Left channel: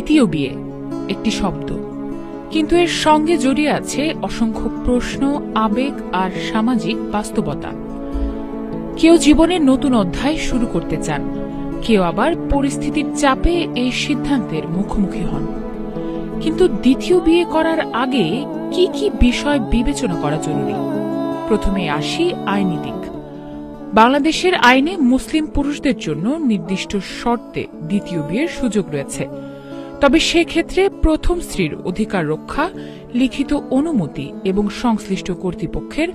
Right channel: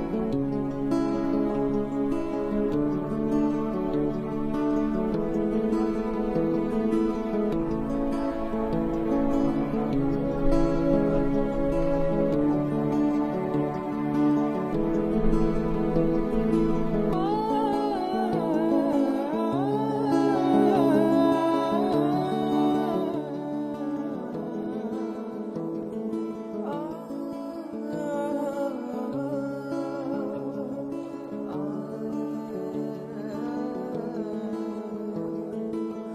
দ্বিতীয় বিয়ে একটি শব্দ, কিন্তু এর সঙ্গে জড়িয়ে আছে অসংখ্য প্রশ্ন, আবেগ আর সামাজিক বাস্তবতা। কেউ জীবনের নতুন অধ্যায় শুরু করতে চান, কেউ আবার পরিস্থিতির চাপে এই সিদ্ধান্তের মুখোমুখি হন। কিন্তু দ্বিতীয় বিয়ে করার আগে কি কি বিষয় বিবেচনা করা জরুরি? প্রথমে আসি আইনি দিক। বাংলাদেশের আইনে মুসলিম পুরুষদের জন্য নির্দিষ্ট শর্তে দ্বিতীয় বিয়ের সুযোগ রয়েছে, তবে সেক্ষেত্রে প্রথম স্ত্রীর অধিকার রক্ষা, লিখিত অনুমতি এবং সংশ্লিষ্ট কর্তৃপক্ষের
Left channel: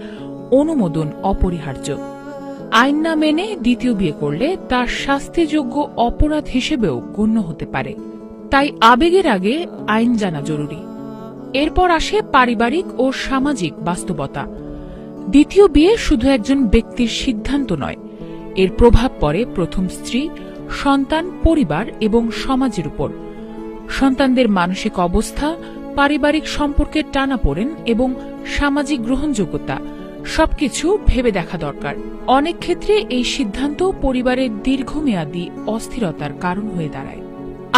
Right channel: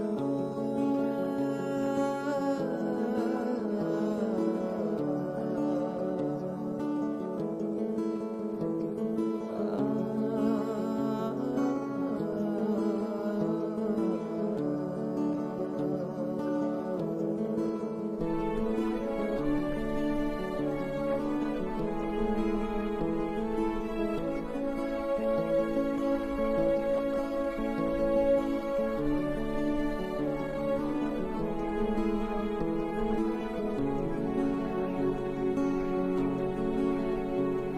অনুমোদন অপরিহার্য। আইন না মেনে দ্বিতীয় বিয়ে করলে তার শাস্তিযোগ্য অপরাধ হিসেবেও গণ্য হতে পারে। তাই আবেগের আগে আইন জানা জরুরি। এরপর আসে পারিবারিক ও সামাজিক বাস্তবতা। দ্বিতীয় বিয়ে শুধু একজন ব্যক্তির সিদ্ধান্ত নয়, এর প্রভাব পড়ে প্রথম স্ত্রী, সন্তান, পরিবার এবং সমাজের উপর। সন্তানদের মানসিক অবস্থা, পারিবারিক সম্পর্কের টানাপোড়েন এবং সামাজিক গ্রহণযোগ্যতা সবকিছু ভেবে দেখা দরকার। অনেক ক্ষেত্রে এই সিদ্ধান্ত পরিবারের দীর্ঘমেয়াদী অস্থিরতার কারণ হয়ে দাঁড়ায়।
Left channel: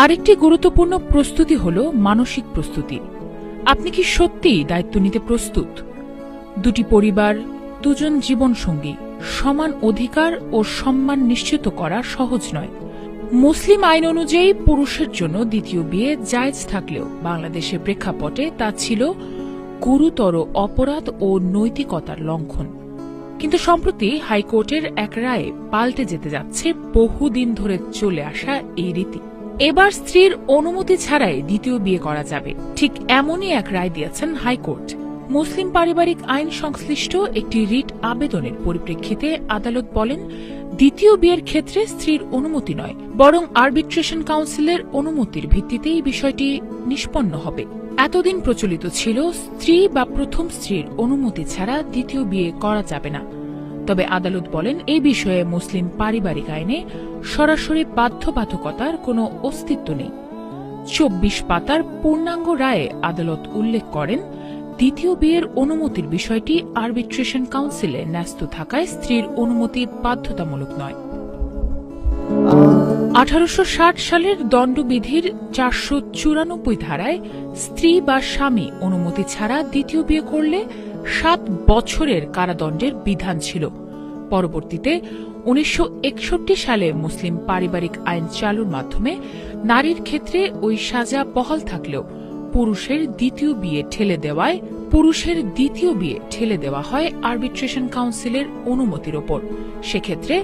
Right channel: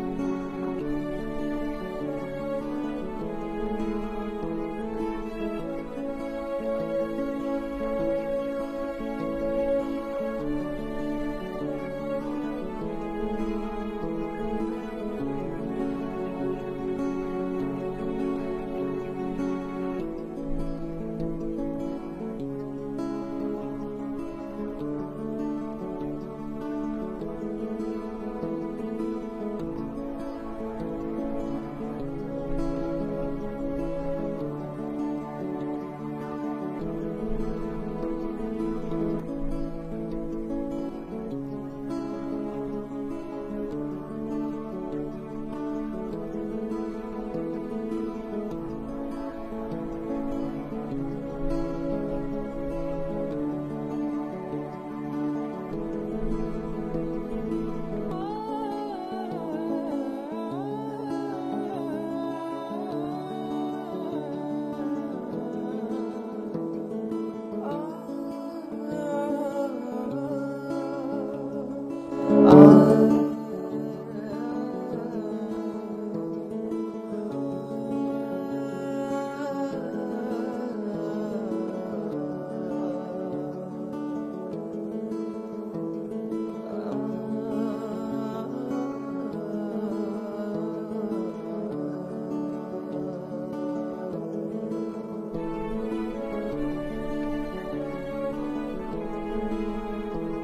আরেকটি গুরুত্বপূর্ণ প্রস্তুতি হল মানসিক প্রস্তুতি। আপনি কি সত্যিই দায়িত্ব নিতে প্রস্তুত? দুটি পরিবার, দুজন জীবনসঙ্গী, সমান অধিকার ও সম্মান নিশ্চিত করা সহজ নয়। মুসলিম আইন অনুযায়ী পুরুষের জন্য দ্বিতীয় বিয়ে জায়েজ থাকলেও বাংলাদেশের প্রেক্ষাপটে তা ছিল গুরুতর অপরাধ ও নৈতিকতার লঙ্ঘন। কিন্তু সম্প্রতি হাইকোর্টের এক রায়ে পাল্টে যেতে যাচ্ছে বহুদিন ধরে চলে আসা এই রীতি। এবার স্ত্রীর অনুমতি ছাড়াই দ্বিতীয় বিয়ে করা যাবে, ঠিক এমনই এক রায় দিয়েছেন হাইকোর্ট। মুসলিম পারিবারিক আইন সংশ্লিষ্ট একটি রিট আবেদনের পরিপ্রেক্ষিতে আদালত বলেন, দ্বিতীয় বিয়ের ক্ষেত্রে স্ত্রীর অনুমতি নয়, বরং আরবিট্রেশন কাউন্সিলের অনুমতির ভিত্তিতেই বিষয়টি নিষ্পন্ন হবে। এতদিন প্রচলিত ছিল স্ত্রী বা প্রথম স্ত্রীর অনুমতি ছাড়া দ্বিতীয় বিয়ে করা যাবে না। তবে আদালত বলেন, এই বিষয়ে মুসলিম পারিবারিক আইনে সরাসরি বাধ্যবাধকতার কোনো অস্তিত্ব নেই। ২৪ পাতার পূর্ণাঙ্গ রায়ে আদালত উল্লেখ করেন, দ্বিতীয় বিয়ের অনুমতির বিষয়টি আরবিট্রেশন কাউন্সিলে ন্যস্ত থাকায় স্ত্রীর অনুমতি বাধ্যতামূলক নয়। ১৮৬০ সালের দণ্ডবিধির ৪৯৪ ধারায় স্ত্রী বা স্বামী অনুমতি ছাড়া দ্বিতীয় বিয়ে করলে ৭ বছরের কারাদণ্ডের বিধান ছিল। পরবর্তীতে ১৯৬১ সালে মুসলিম পারিবারিক আইন চালুর মাধ্যমে নারীর ক্ষেত্রে ওই সাজা বহাল থাকলেও পুরুষের দ্বিতীয় বিয়ে ঠেলে দেওয়া হয় আরবিট্রেশন কাউন্সিলের অনুমতির ওপর। সেক্ষেত্রে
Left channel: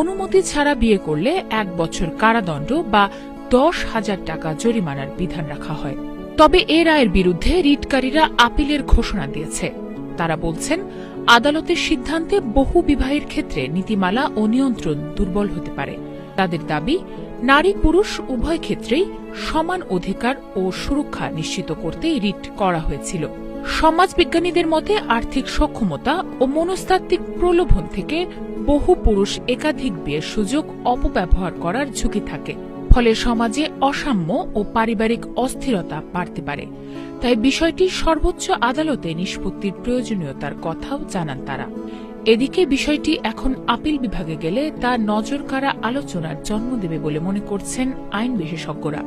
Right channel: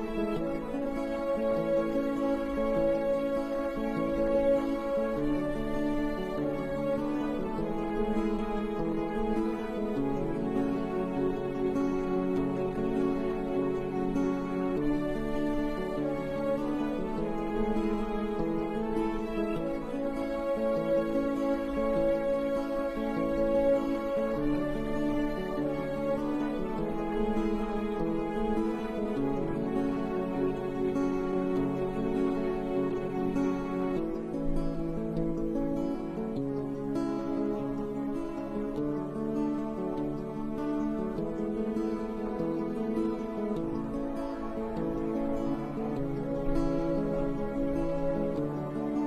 অনুমতি ছাড়া বিয়ে করলে ১ বছর কারাদণ্ড বা ১০,০০০ টাকা জরিমানার বিধান রাখা হয়। তবে এ রায়ের বিরুদ্ধে রিটকারীরা আপিলের ঘোষণা দিয়েছে। তারা বলছেন, আদালতের সিদ্ধান্তে বহু বিবাহের ক্ষেত্রে নীতিমালা ও নিয়ন্ত্রণ দুর্বল হতে পারে। তাদের দাবি, নারী পুরুষ উভয় ক্ষেত্রেই সমান অধিকার ও সুরক্ষা নিশ্চিত করতে রিট করা হয়েছিল। সমাজবিজ্ঞানীদের মতে আর্থিক সক্ষমতা ও মনস্তাত্ত্বিক প্রলোভন থেকে বহু পুরুষ একাধিক বিয়ের সুযোগ অপব্যবহার করার ঝুঁকি থাকে। ফলে সমাজে অসাম্য ও পারিবারিক অস্থিরতা বাড়তে পারে। তাই বিষয়টি সর্বোচ্চ আদালতে নিষ্পত্তির প্রয়োজনীয়তার কথাও জানান তারা। এদিকে বিষয়টি এখন আপিল বিভাগে গেলে তা নজরকাড়া আলোচনার জন্ম দেবে বলে মনে করছেন আইন বিশেষজ্ঞরা।